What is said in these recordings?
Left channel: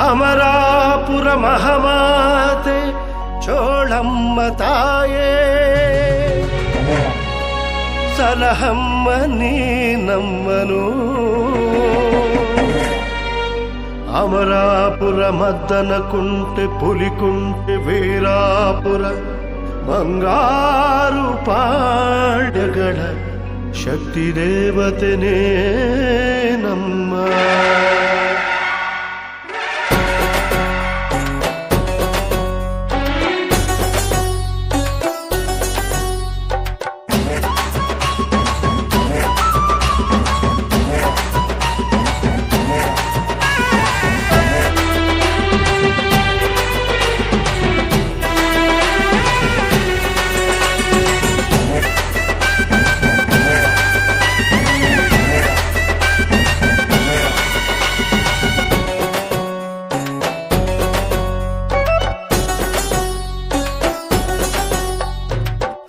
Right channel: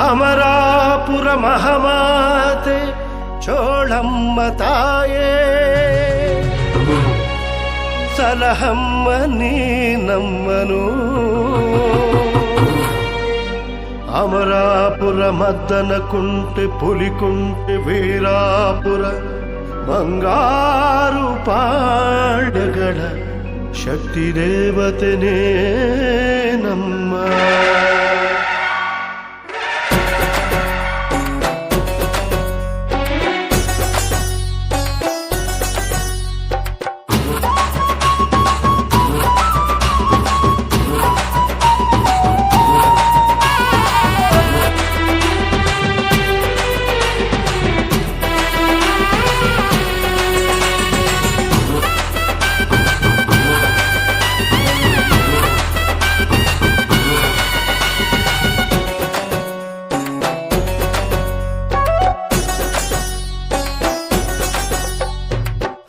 ಅಮರಾಪುರ ಮಹಾಮಾತೆ ಚೋಳಮ್ಮ ತಾಯೇ ಸಲಹಮ್ಮ ನೀ ನಮ್ಮನು. ಅಮರಾಪುರ ಮದ್ದನ ಕುಂಟೆ ಪುಲಿಕುಂಟೆ ವೀರಾಪುರ ಬಂಗಾರು ಪಾಳ್ಯಗಳ ಶಕ್ತಿ ದೇವತೆನೇ ನಮ್ಮ.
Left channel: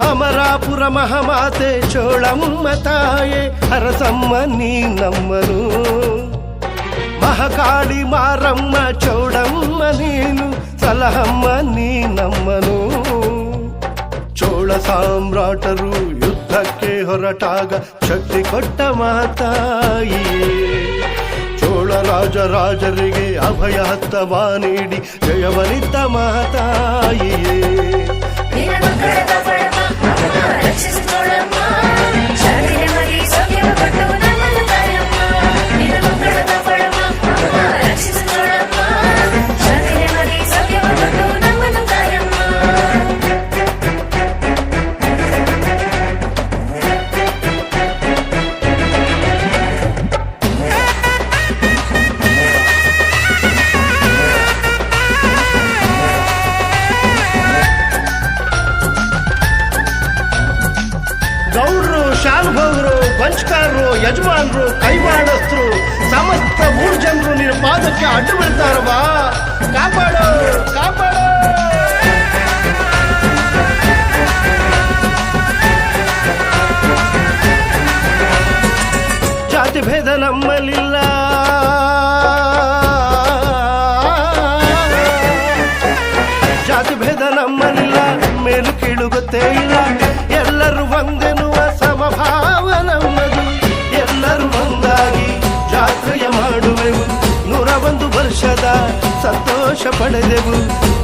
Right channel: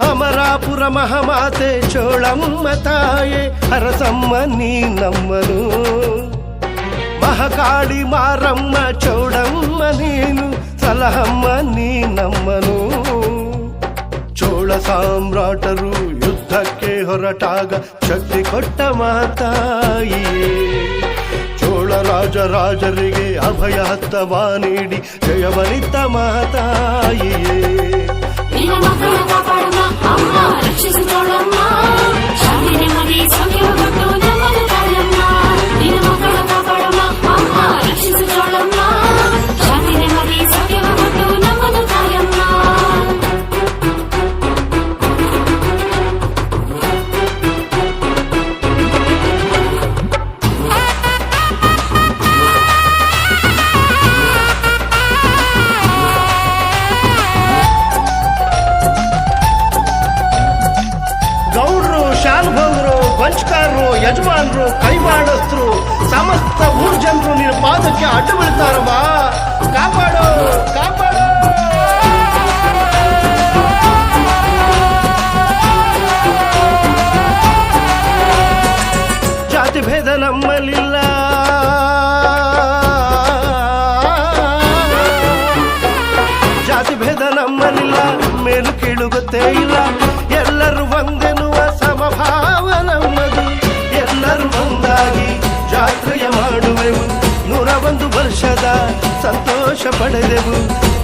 ಅಮರಾಪುರ ಮಹಾಮಾತೆ ಚೋಳಮ್ಮ ತಾಯೇ ಹರಸಮ್ಮ ನೀ ನಮ್ಮನು. ಮಹಾಕಾಳಿ ಮಾರಮ್ಮ ಚೌಡಮ್ಮ ನೀನು ಸಲಹಮ್ಮ ನೀ ನಮ್ಮನು. ಚೋಳ ಸಾಮ್ರಾಟರು ಯುದ್ಧಕ್ಕೆ ಹೊರಟಾಗ ಶಕ್ತಿ ಕೊಟ್ಟ ಮಾತಾಯಿಯೇ. ಚೋಳ ರಾಜರಿಗೆ ಅಭಯ ಹಸ್ತವ ನೀಡಿ ಜಯವನಿತ ಮಾತಾಯಿಯೇ. ಗೌಡ್ರು, ಶಾನುಭೋಗರು, ಗೊಂಚಕಾರರು, ಯಜಮಾನರು, ಕೈವಾಡಸ್ಥರು ಸಮಸ್ತ ಊರ್ ಜನರು ನಿನ್ನ ಪಾದಕ್ಕೆ ಅಡ್ಡು ಬೀಳ್ತಾರವ್ವ. ಕಾಪಾಡು ಕಾಪಾಡು. ಜಾತಿ ಭೇದ ನಮ್ಮಲ್ಲಿಲ್ಲ, ಜಾತಿ ಭೇದ ನಮ್ಮಲ್ಲಿಲ್ಲ, ಮೇಲು ಕೀಳು ಗೊತ್ತೇ ಇಲ್ಲ. ಎಲ್ಲರೂ ಒಂದೆನ್ನುವ ಸಮಭಾವ ನಮ್ಮದು. ಎಲ್ಲರೂ ಒಂದಾಗಿ ಜಾತ್ರೆಯ ಮಾಡುವೆವು, 101 ವರ್ಷದ ಸಂತೋಷ ಪಡೆದೆವು.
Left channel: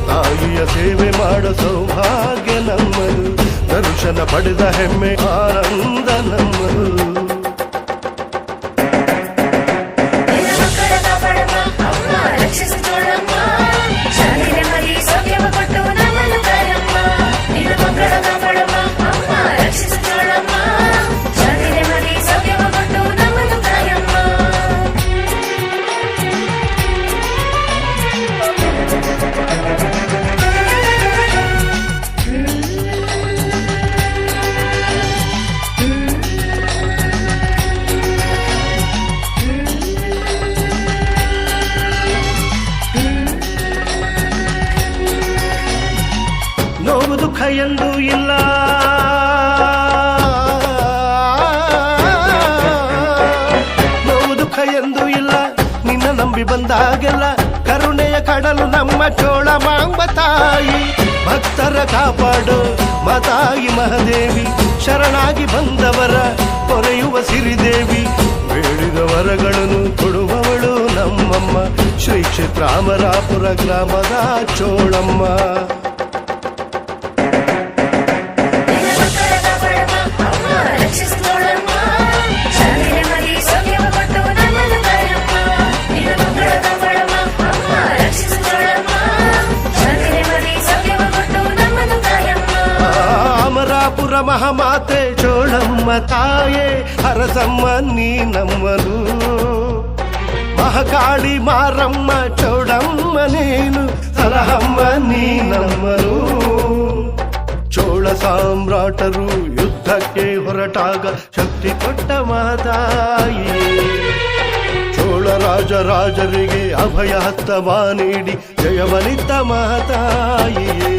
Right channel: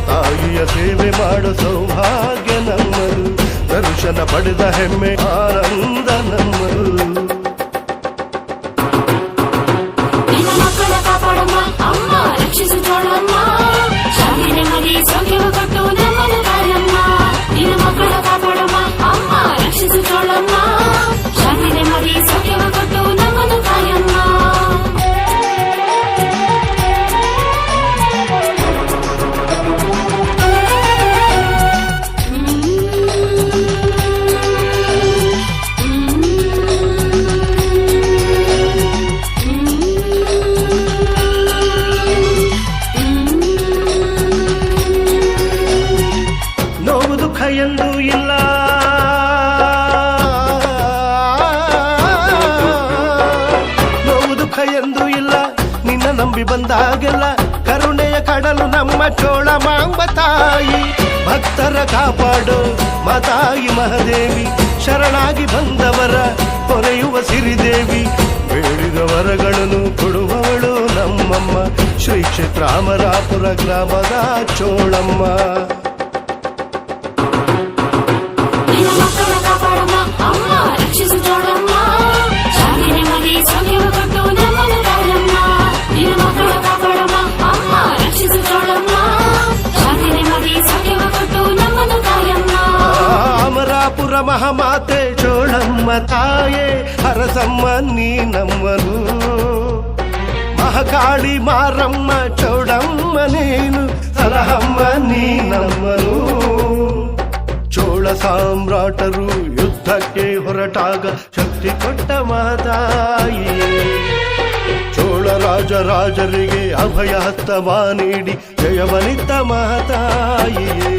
ತಾಯಿಯ ಸೇವೆ ಮಾಡೋ ಸೌಭಾಗ್ಯ ನಮ್ಮದು, ದರ್ಶನ ಪಡೆದ ಹೆಮ್ಮೆ ಆನಂದ ನಮ್ಮದು. ನೋವು ದುಃಖ ಎಂದೂ ಇಲ್ಲ, ನೋವು ದುಃಖ ಎಂದೂ ಇಲ್ಲ. ನಿನ್ನ ನಂಬಿ ಬಂದಾಗೆಲ್ಲ ಕರುಣೆಯ ಕಡಲು ನಮ್ಮ ಚೋಳ ಮಾಂಬ ತಾಯಿ. ಭಕ್ತರ ಕಾಪಾಡು ಮಾತಾಯಿ ಮಹಾದೇವಿ, ಶರಣಾಗಿ ಬಂದವರ ಕೊರೆಯುವ ಸಿರಿದೇವಿ. ಬೇಡಿದ ವರಗಳನ್ನು ಕೊಡುವವಳು ನಮ್ಮಮ್ಮ, ಶ್ರೀ ಕ್ಷೇತ್ರ ಅಮರಾಪುರ ಗ್ರಾಮದ ಚೋಳಮ್ಮ. ಅಮರಾಪುರ ಮಹಾಮಾತೆ ಚೋಳಮ್ಮ ತಾಯೇ ಹರಸಮ್ಮ ನೀ ನಮ್ಮನು. ಮಹಾಕಾಳಿ ಮಾರಮ್ಮ ಚೌಡಮ್ಮ ನೀನು ಸಲಹಮ್ಮ ನೀ ನಮ್ಮನು. ಚೋಳ ಸಾಮ್ರಾಟರು ಯುದ್ಧಕ್ಕೆ ಹೊರಟಾಗ ಶಕ್ತಿ ಕೊಟ್ಟ ಮಾತಾಯಿಯೇ. ಚೋಳ ರಾಜರಿಗೆ ಅಭಯ ಹಸ್ತವ ನೀಡಿ ಜಯವನಿತ ಮಾತಾಯಿಯೇ.